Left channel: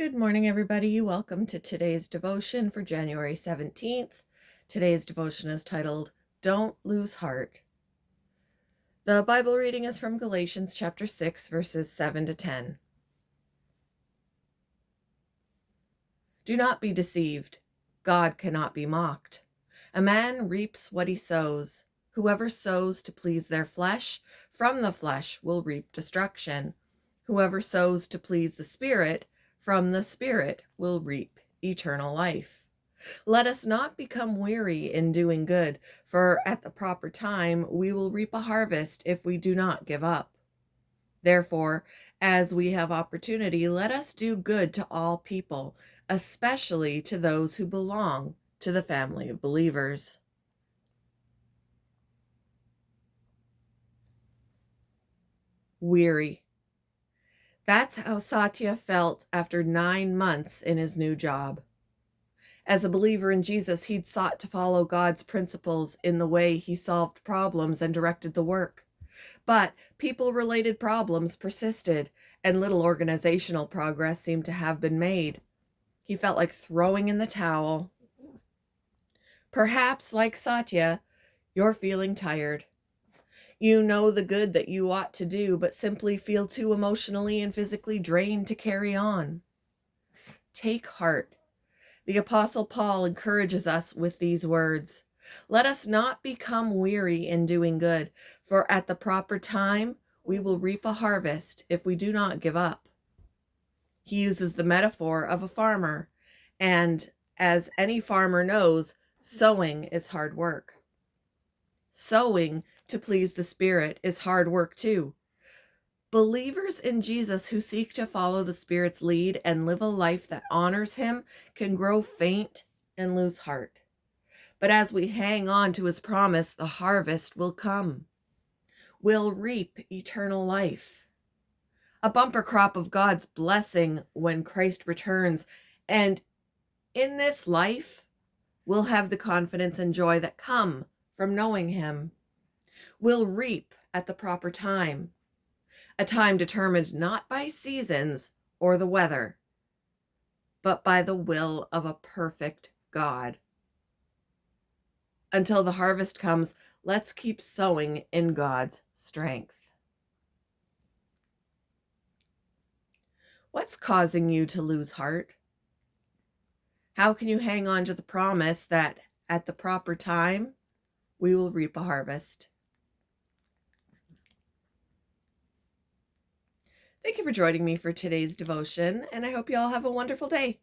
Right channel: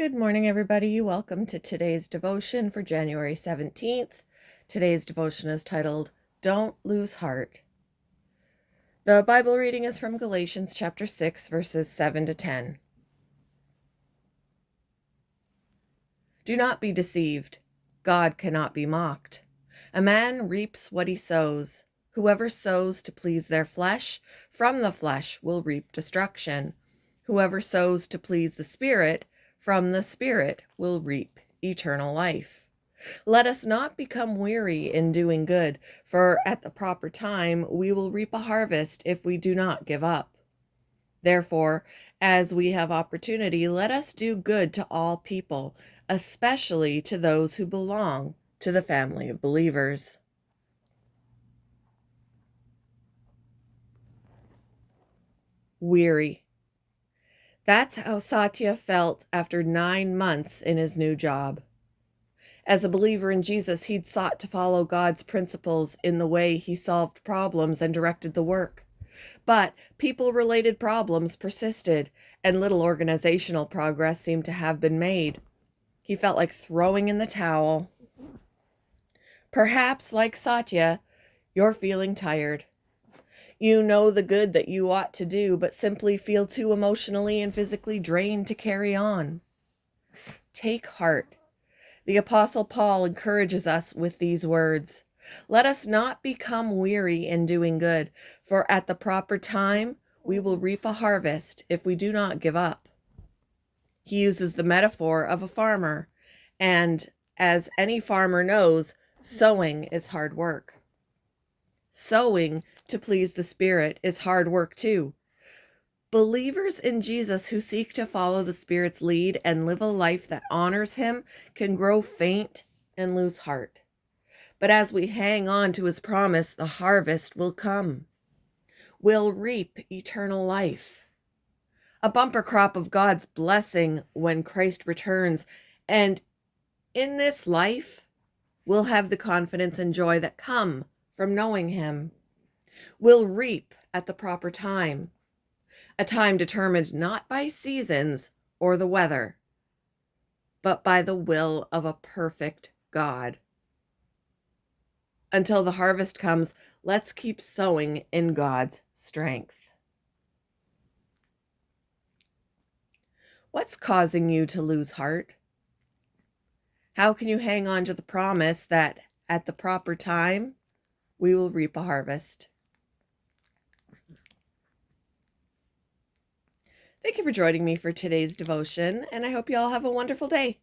Good morning, everybody. Welcome to today's devotion for January 17th. Today's devotion is titled, Don't Lose Heart. The Bible reading is from Galatians chapter 6, verses 7 to 10. Do not be deceived. God cannot be mocked. A man reaps what he sows. Whoever sows to please their flesh, from the flesh will reap destruction. Whoever sows to please the Spirit, from the Spirit will reap eternal life. Let us not become weary in doing good, for at the proper time we will reap a harvest if we do not give up. Therefore, as we have opportunity, let us do good to all people, especially to those who belong to the family of believers. Weary. That's how Satya felt after 9 months in his new job. As a believer in Jesus, he'd sought to follow God's principles in the way he solved problems and directed the work. But people-related problems persisted, and little organizational progress seemed to have been made. He felt like throwing in the towel. Perhaps, like Satya, you're feeling tired. You know the good that you ought to do, but simply feel too emotionally and physically drained to carry on. Take heart. The Apostle Paul encourages us with these words. Let us not become weary in doing good, for at the proper time we will reap a harvest if we do not give up. He uses the metaphor of a farmer, and as any farmer knows, sowing is hard work. Sowing to please the Spirit is hard work too. Believers in Jesus who seek to follow the Spirit's lead and live a life that honors Him can grow faint and lose heart. But as we hang on to His promise, the harvest will come. We'll reap eternal life. A bumper crop of God's blessing when Christ returns. And in this life, we'll have the confidence and joy that come from knowing Him. We'll reap at the proper time. A time determined not by seasons or the weather, but by the will of a perfect God. Until the harvest comes, let's keep sowing in God's strength. What's causing you to lose heart? How can you hang on to the promise that at the proper time, we will reap a harvest? Thank you for joining me for today's devotion, and I hope you all have a wonderful day.